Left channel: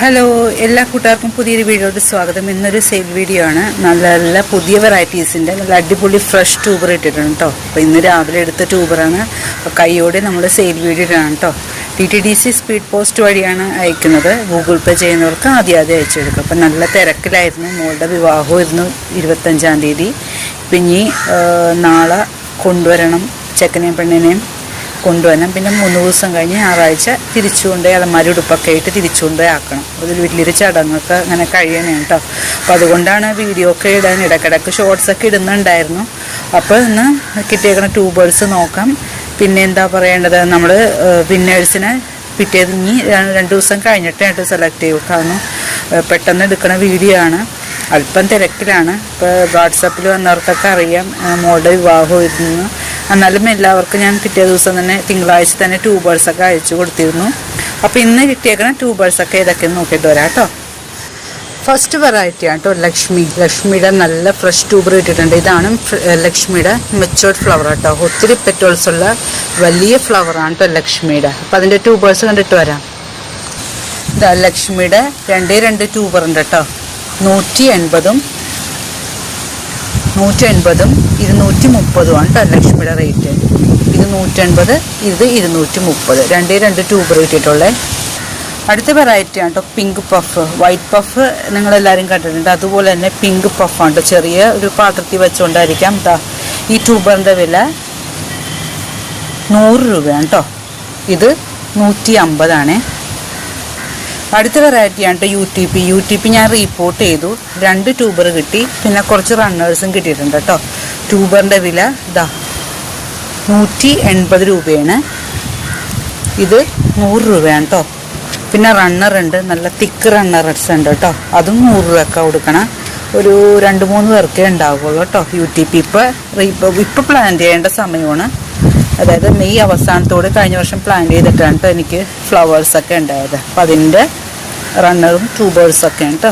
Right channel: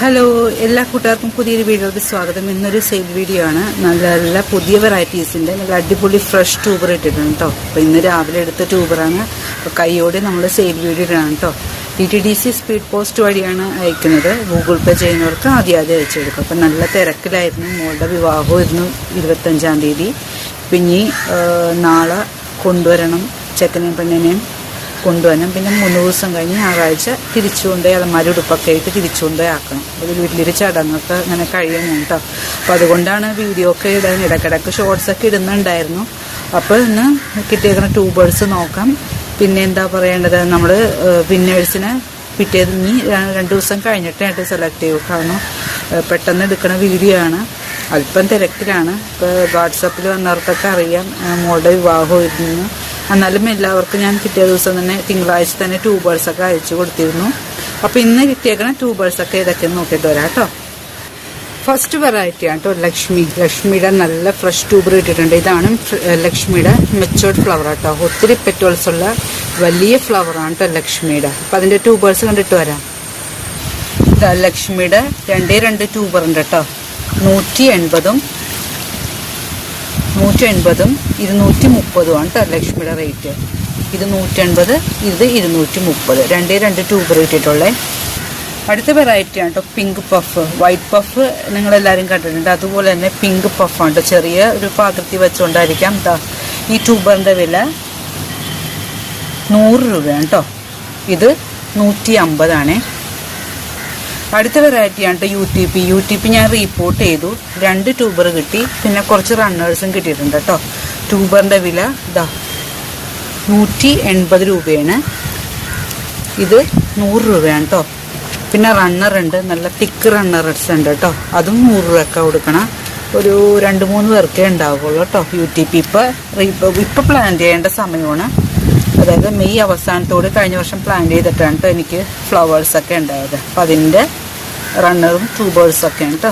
Hello, എല്ലാ കൂട്ടുകാർക്കും പുതിയൊരു വീഡിയോയുടെ സ്വാഗതം. ഇന്നൊരു സെയിൽ വീഡിയോ ആണ്. നല്ല നല്ല പുതിയ വെറൈറ്റീസിൻ്റെ നല്ല അടിപൊളി ഫ്രഷ് ട്യൂബർ ഇട്ടിട്ടുണ്ട് കേട്ടോ. അപ്പോൾ ഇന്ന് രാവിലെ എടുത്ത ട്യൂബറാണ്. അപ്പോൾ കൈയോടെ നമ്മൾ സെയിൽ വീഡിയോ ആണ് കേട്ടോ. TTDC സ്പീഡ് പോസ്റ്റ് വഴിയാണ് അയക്കുന്നത്. ഗൂഗിൾ പേ ചെയ്യുന്നവർക്ക് ആദ്യം അയച്ചു കൊടുക്കും. അപ്പം നല്ല തിരക്കിലായിരുന്നു. മോളുടെ വിവാഹമായിരുന്നു 25-ാം തീയതി. പിന്നെ നാളെ കൊണ്ടുവരണം, ചെക്കനെയും പെണ്ണിനെയും കൊണ്ടുവരണം. പിന്നെ 3 ദിവസം കഴിഞ്ഞ് ഞായറാഴ്ച തിരിച്ചുകൊണ്ട് അലമാരി ഉടുപ്പൊക്കെ ആയിട്ട് തിരിച്ചുകൊണ്ട് ആക്കണം. അതിൽ വലിയൊരു ചടങ്ങൊക്കെ അങ്ങനെ കഴിയണേ കേട്ടോ. അപ്പോൾ അതുകൊണ്ടാണ് വീഡിയോ ഒക്കെ ഇടാൻ ഇടയ്ക്കിടയ്ക്ക് ഷോർട്സൊക്കെ ഇടുന്നുണ്ടായിരുന്നു. അപ്പോൾ ഇന്ന് കിട്ടിയേക്കുന്ന ട്യൂബേഴ്സ് നോക്കാം. പിന്നെ എന്താ പറയേണ്ടത്, നമ്മൾ വിന്നേഴ്സിനെ പിറ്റേത് ഇനി 2 ദിവസം കഴിഞ്ഞിട്ടായിട്ട് സെലക്ട് ചെയ്യും. കാരണം പെട്ടെന്ന് എടുക്കുന്ന വീഡിയോ ആണ്. അല്പം തിരക്കിലാണ്. ഇപ്പോൾ വാട്സാപ്പിൽ വന്നവർക്കൊക്കെ അറിയാം മോളുടെ വിവാഹമായിരുന്നു. എന്നാലും എല്ലാവർക്കും ഞാൻ പിറ്റേ ദിവസം തന്നെ തിങ്കളാഴ്ച തന്നെ ട്യൂബേഴ്സൊക്കെ അയച്ചു കൊടുത്തിരുന്നു. അപ്പോൾ ഇന്ന് കിട്ടിയേക്കുന്ന ട്യൂബേഴ്സൊക്കെ ഇതൊക്കെ നോക്കിയിട്ട് വരാം കേട്ടോ. ഫസ്റ്റ് വെറൈറ്റി ആണ് കേട്ടോ, ലക്ഷ്മിയുടെ നല്ല ഫ്രഷ് ട്യൂബർ ഇട്ടിട്ടുണ്ട്. ഇതാണ് ലക്ഷ്മിയുടെ മെച്ചോർഡ് ഫ്ലവർ കേട്ടോ. ഒത്തിരി പെറ്റോൾസ് ഉള്ള വലിയ ഫ്ലവറാണ് കേട്ടോ ലക്ഷ്മിയുടെ. അപ്പോൾ അതിൻ്റെ ട്യൂബേഴ്സ് കണ്ടിട്ട് വരാം. ലക്ഷ്മിയുടെ 2 ട്യൂബർ ഉണ്ട് കേട്ടോ. 180-ഉം 230 ആണ് കേട്ടോ ലക്ഷ്മിയുടെ റേറ്റ്. ഇത് 180, ഇത് 230. 2 ട്യൂബർ കിട്ടിയിട്ടുള്ളത്. അടുത്ത വെറൈറ്റി ആണ് കേട്ടോ, പിങ്ക് പഫ്. വൈറ്റ് പഫ് നിങ്ങളെല്ലാവരും കണ്ടിട്ടുണ്ട്. അതുപോലെ തന്നെ പിങ്ക് പഫാണ് കേട്ടോ. ചെറിയ ഒരു പാത്രത്തിൽ വെച്ചുകൊണ്ടായിരിക്കാം. ഈ ട്യൂബറിൻ്റെ വില 100 രൂപയാണ് കേട്ടോ. ഇത് 150 അടുത്ത വെറൈറ്റിയാണ് കേട്ടോ UTP ഞാൻ റിപ്പോർട്ട് ചെയ്തു. 2 ട്യൂബർ കിട്ടി. പിന്നെ കുറച്ച് റണ്ണേഴ്സും കിട്ടിയിട്ടുണ്ട് കേട്ടോ. ട്യൂബറിൻ്റെ വില 180 രൂപയാണ്. ഇത് 100 രൂപയാണ് കേട്ടോ. പിന്നെ റണ്ണർ ഉണ്ട്, നല്ല തിക്ക് റണ്ണേഴ്സ് ഉണ്ട് കേട്ടോ. അതും 100 രൂപയൊക്കെ കൊടുക്കണം. ഒരു 2-3 പേർക്കേ ഉണ്ടാവുള്ളൂ കേട്ടോ. UTP ഇപ്പം പ്ലാൻ ചെയ്യേണ്ട സമയമാണ്. അതായത് മെയ് അവസാനത്തോട് കഴിഞ്ഞ വർഷം പ്ലാൻ ചെയ്തിട്ടാണ് കേട്ടോ എനിക്ക് ഫ്ലവേഴ്സൊക്കെ ഉണ്ടായത്. അപ്പം അതിൻ്റെ റണ്ണറും ട്യൂബേഴ്സൊക്കെയാണ് കേട്ടോ.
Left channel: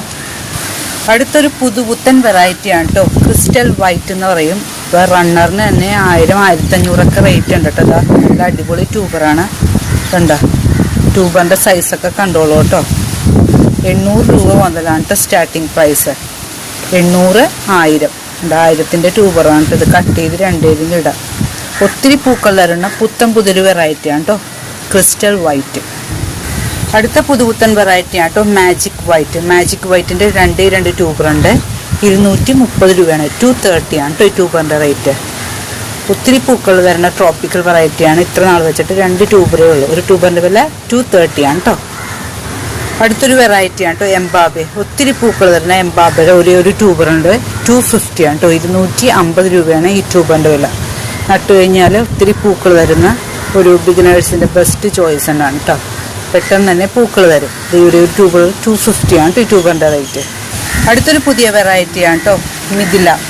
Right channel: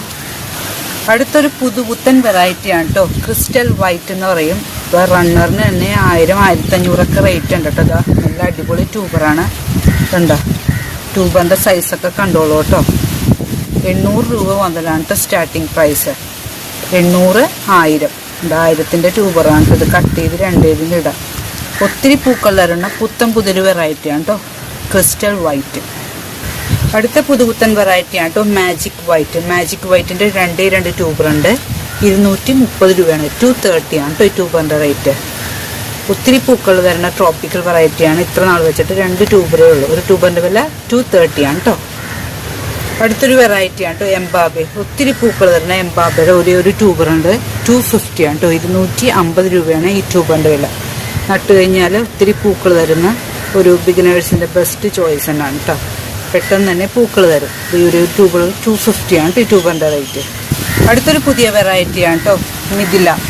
അടുത്തൊരു പുതുപുത്തൻ വെറൈറ്റിയാണ് കേട്ടോ, ക്രിസ്റ്റൽ വൈറ്റ് എന്ന് പറയും. ഇപ്പോൾ റണ്ണറിന് തന്നെ 1000-1500 റേറ്റ് ഉണ്ട് കേട്ടോ. നല്ല അടിപൊളി ട്യൂബറാണ്. കണ്ടോ, ട്യൂബറിൻ്റെ സൈസൊക്കെ കണ്ടോളൂ കേട്ടോ. 800 രൂപ മുതലാണ് കേട്ടോ സ്റ്റാർട്ടിങ് പ്രൈസ്. 800, 1000. 1000-ൻ്റെ ട്യൂബറാണ് കേട്ടോ. ഇത് കട്ട് ചെയ്ത് 2 ഇടാം. ഒത്തിരി പൂക്കൾ തരുന്ന പുതിയൊരു വെറൈറ്റിയാണ് കേട്ടോ, ക്രിസ്റ്റൽ വൈറ്റ്. അടുത്ത പുതുപുത്തൻ വെറൈറ്റിയാണ് കേട്ടോ, മാജിക് വൈറ്റിൻ്റെ 2 ട്യൂബറുണ്ട്. 230 രൂപയാണ്. 230 ആണ് കേട്ടോ ഈ ട്യൂബറിൻ്റെ റേറ്റ്. ഒത്തിരി പൂക്കൾ തരുന്ന ട്രോപ്പിക്കൽ വെറൈറ്റിയാണ്. ഇത്ര നാൾ വെച്ചിട്ട് 2 ട്യൂബറേ ഉള്ളൂ. ഒരു ട്യൂബറിൻ്റെ വില 230 ആണ് കേട്ടോ. അടുത്തൊരു വെറൈറ്റിയാണ് കേട്ടോ, എംബാബെ. ഒത്തിരി പൂക്കൾ തരുന്ന എംബാബയുടെ ഒരു ട്യൂബറുണ്ട്. 250 ആണ് കേട്ടോ. 250 രൂപയാണ് ഈ ട്യൂബറിൻ്റെ വില. നട്ടു കഴിഞ്ഞാൽ ഒത്തിരി പൂക്കൾ തരുന്ന ഒരു ബിഗിനേഴ്സിൻ്റെ ബെസ്റ്റ് ചോയ്സ് തന്നെയാണ് കേട്ടോ. പെട്ടെന്ന് തന്നെ പൂക്കൾ തരും. ഒരു ട്യൂബർ 250 ആണ് ഈ ട്യൂബറിൻ്റെ റേറ്റ്. അടുത്തൊരു പുതിയ വെറൈറ്റിയാണ് കേട്ടോ,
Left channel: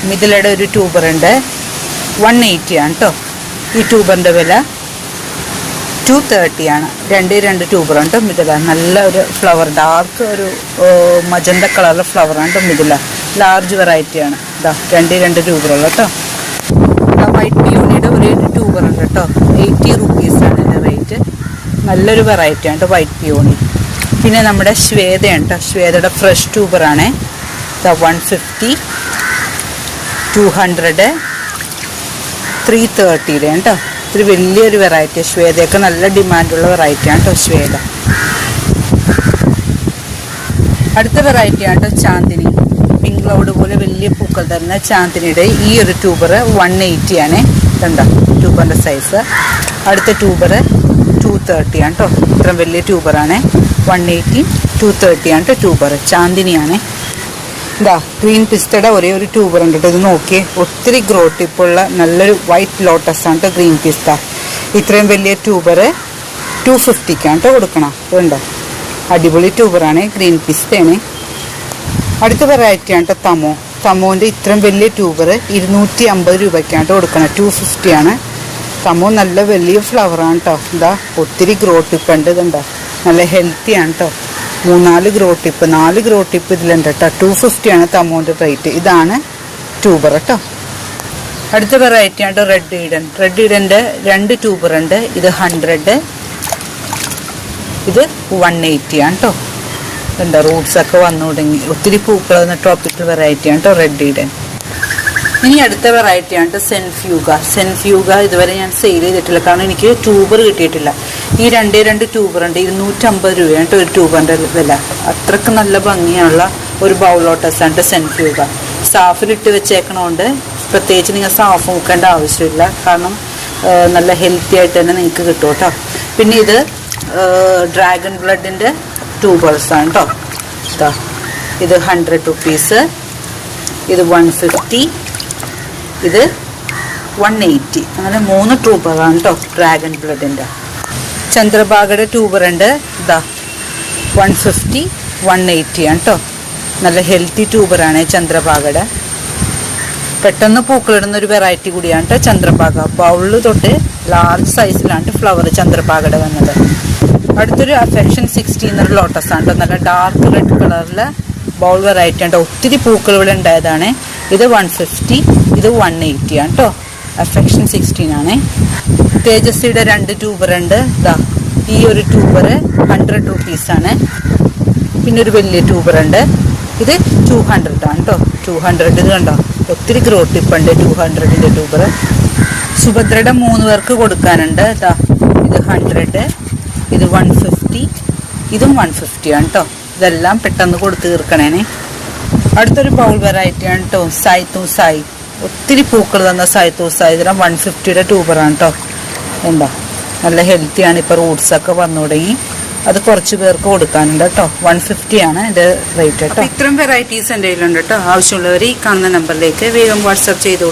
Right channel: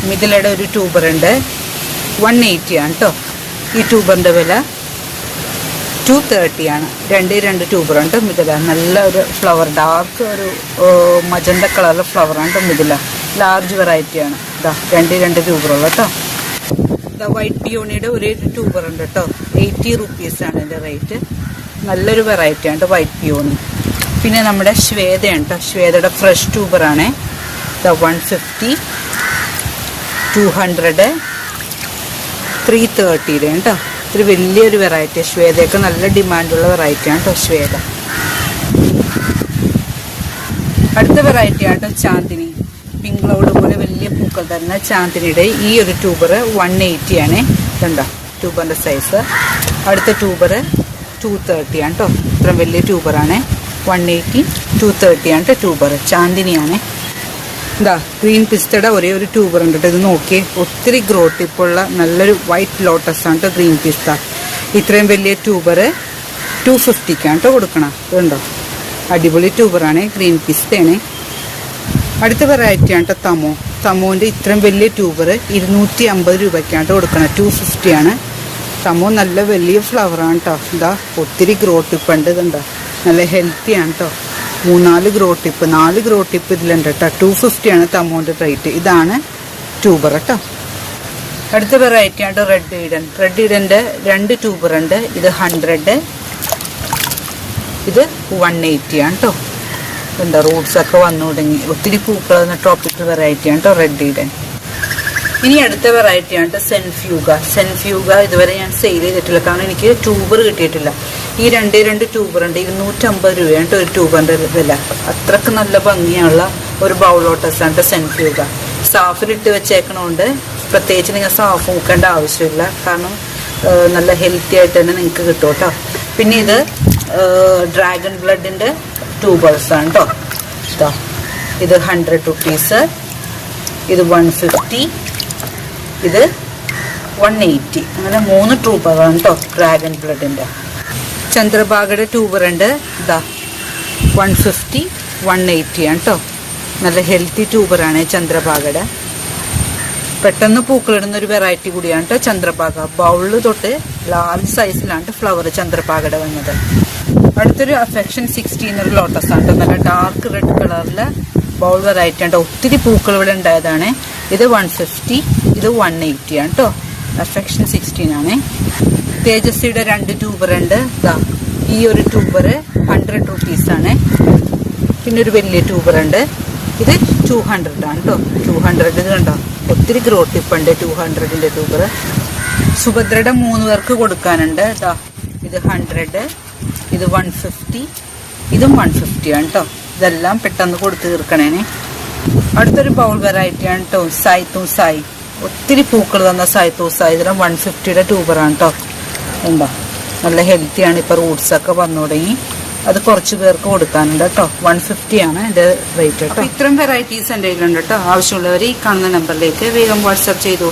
മിഥിലയുടെ ഒരു ട്യൂബറുണ്ട്. 180 ആണ് കേട്ടോ. ഈ ട്യൂബറിൻ്റെ വില 230 ആണ്. 2 ട്യൂബറാണ് കേട്ടോ മിഥില. നല്ല ഒരു ഫ്ലവർ, ഡാർക്ക് ഒരു മജന്ത കളറിലെ ഫ്ലവറാണ് കേട്ടോ മിഥില. ലാർജ് വെറൈറ്റിയാണ്. 2 ട്യൂബറുള്ള കേട്ടോ. വൈറ്റ് പിയോണിയുടെ ഒരു ട്യൂബർ ഉണ്ട് കേട്ടോ. 80 റുപ്പീസാണ് അതിൻ്റെ റേറ്റ്. നല്ലൊരു വെറൈറ്റിയാണ് കേട്ടോ വൈറ്റ് പിയോണി. പിന്നെ നമ്മുടെ ശ്വേതയാണ് കേട്ടോ. ശ്വേതയുടെ ഫ്രഷ് ട്യൂബറാണ്. 150, 200, 330 കേട്ടോ. ഇത്തിരി വലിയൊരു വെറൈറ്റി. ശ്വേതയൊക്കെ നല്ല ഡിമാൻഡുള്ള വെറൈറ്റിയാണ് കേട്ടോ ശ്വേത. അടുത്ത വെറൈറ്റിയാണ് കേട്ടോ ചാന്ദിനി. പിങ്ക് ക്ലൗഡ് പോലെ വലിയ പൂക്കൾ തരുന്ന ചാന്ദിനിയുടെ ഈ ഒരു ട്യൂബർ 180 ആണ്. കണ്ടോ ട്യൂബറിൻ്റെ സൈസ്. അടുത്ത ട്യൂബർ 230 ആണ് കേട്ടോ. ഇത്ര വലിയ ട്യൂബറാണ്. 180, 230 ആണ് കേട്ടോ ട്യൂബർ. ചാന്ദിനിയാണ്. ഗ്രീൻ പിസ്തയുടെ ഒരു ട്യൂബർ ഉണ്ട് കേട്ടോ. ഇത് നോക്കിയേ, ഒത്തിരി ഗ്രോ ടിപ്പുള്ള നല്ലൊരു വൈറ്റ് ലോട്ടസ് ആണ് കേട്ടോ ഗ്രീൻ പിസ്ത. ഇത്രയും വലിയ ട്യൂബർ 250-ക്കാണ് കേട്ടോ കൊടുക്കണം. ഉണ്ടോ, അടിപൊളി ട്യൂബറാണ്. ഗ്രീൻ പിസ്തയാണ്. അടുത്ത വെറൈറ്റിയാണ് കേട്ടോ തമോൻ്റെ ഇത്രയും വലിയ ട്യൂബർ 250 രൂപയ്ക്കാണ് കൊടുക്കണം. 250 ആണ്. തമോ നല്ല വലിയ ഫ്ലവറാണ് കേട്ടോ. ഒത്തിരി ഗ്രോ ടിപ്പ് ഉണ്ട്. ഇതുണ്ടോ, നല്ല ഹെൽത്തിയാണ് കേട്ടോ. 3-4 ഗ്രോ ടിപ്പ് ഇതിലുണ്ട് കേട്ടോ. 250 ആണ് തമോൻ്റെ റേറ്റ്. ഇതാണ് ട്യൂബർ കേട്ടോ. അടുത്ത വെറൈറ്റിയാണ് കേട്ടോ റെഡ് ഈഡൻ്റെ 2 ട്യൂബറുണ്ട്. ഇത് 100, ഇത് 180 ആണ് കേട്ടോ. എന്താ റൂട്ട്സ് ഒക്കെ വന്നു തുടങ്ങി. ഒത്തിരി പൂക്കൾ ട്രോപ്പിക്കൽ വെറൈറ്റിയാണ് കേട്ടോ റെഡിയുടെ. ഇനി അടുത്ത വെറൈറ്റിയാണ് സെൻഫ്യൂഗ. സെൻഫ്യൂഗ ഇതുവരെ ഞാൻ സെയിൽ ചെയ്തിട്ടില്ല, കാരണം എനിക്ക് ട്യൂബർ കിട്ടിയിട്ടില്ല. ഈ രണ്ട് ട്യൂബർ ഉണ്ട്. 250 രൂപയാണ് ഒരു ട്യൂബറിന്റെ വില. അത്രക്ക് നല്ല ഭംഗിയുള്ള ഒരു ബൗൾ ലോട്ടസ് ആണ് സെൻഫ്യൂഗ. സാഫിലിട്ട് വെച്ചേക്കണോണ്ട് പ്രത്യേകിച്ച് നിങ്ങൾ സാഫ് മുക്കേണ്ട ആവശ്യമില്ല, കാരണം നല്ല ഹെൽത്തി ആയിട്ട് തന്നെ നിങ്ങൾക്ക് കിട്ടും കേട്ടോ. പിന്നെ ഇത് ഡ്രാഗൺ ബ്ലഡിന്റെ ട്യൂബേഴ്സ് ആണ് കേട്ടോ. ഇത് 100 റുപ്പീസ്, ഇത് 150, ഇത് 180. അങ്ങനെ 3 ട്യൂബറാണ് കേട്ടോ ഡ്രാഗൺ ബ്ലഡിന്റെ. ചന്ദ്രഭാഗയുടെ ട്യൂബർ ഉണ്ട്. 150, 180 ആണ് കേട്ടോ. നല്ല ഹെൽത്തി ട്യൂബറാണ് ചന്ദ്രഭാഗയുടെ. പെട്ടെന്ന് പൂക്കളിടുന്ന ഒരു വെറൈറ്റി കൂടിയാണ് കേട്ടോ ചന്ദ്രഭാഗ. ബൗളിൽ തൊട്ട് ലാർജ് സൈസിലാണ് ഫ്ലവർ ചന്ദ്രഭാഗയുടെ വന്നത്. അടുത്തൊരു അഫെക്ഷൻ 16 എന്നൊരു ലോട്ടസ് ആണ്. നല്ല ഡാർക്ക് റെഡ് കളറിലെ ബൗൾ വെറൈറ്റി ആണ്. ഒത്തിരി പൂക്കൾ ഇവിടെ ഉണ്ടായതാണ്. ഇത് 150, ഇത് 180 ആണ് കേട്ടോ. അഫെക്ഷൻ 16 ആണ്. തേജസ്വിയുടെ 2 ട്യൂബർ ഉണ്ട്. ഈ ഒരു ട്യൂബർ 100 റുപ്പീസാണ്. പിന്നെ ഒരു വലിയ ട്യൂബർ ഉണ്ട്. ഇത് 200 ആണ് കേട്ടോ. 200 ഇത് കണ്ടോ, ഒത്തിരി ഗ്രോത്ത് ടിപ്പുണ്ട് 200ന്റെ ട്യൂബർ. സുഭദ്രയുടെ 3 പേർക്ക് കൊടുക്കാനുണ്ട്. ഇത് 100, ഇത് 150, ഇതും 150 ആണ് കേട്ടോ. ഇതെല്ലാം പെട്ടെന്ന് കൊടുത്ത് തീർക്കണേനെ. അടുത്തൊരു ബൗൾ വെറൈറ്റി ആണ് കേട്ടോ സായ്. ഒത്തിരി പൂക്കൾ തന്ന സായ്. ഇതിലും 150യുടെ ട്യൂബറാണ് കേട്ടോ. എന്താ നല്ല ഹെൽത്തിയാണ്. ഇപ്പൊ റൂട്ട്സ് ഒക്കെ വന്നു തുടങ്ങി. അത് കുറച്ച് പേർക്ക് കൊടുക്കാനുണ്ട് കേട്ടോ. 150 ആണ് ഇത് റേറ്റ് കേട്ടോ. ഇത്രയും വെറൈറ്റീസ് എൻ്റെ കയ്യിലുണ്ട് കേട്ടോ. ആവശ്യമുള്ളവർ ഈ കാണുന്ന നമ്പറിലേക്ക് വേഗം വാട്സാപ്പ് ചെയ്തോളൂ.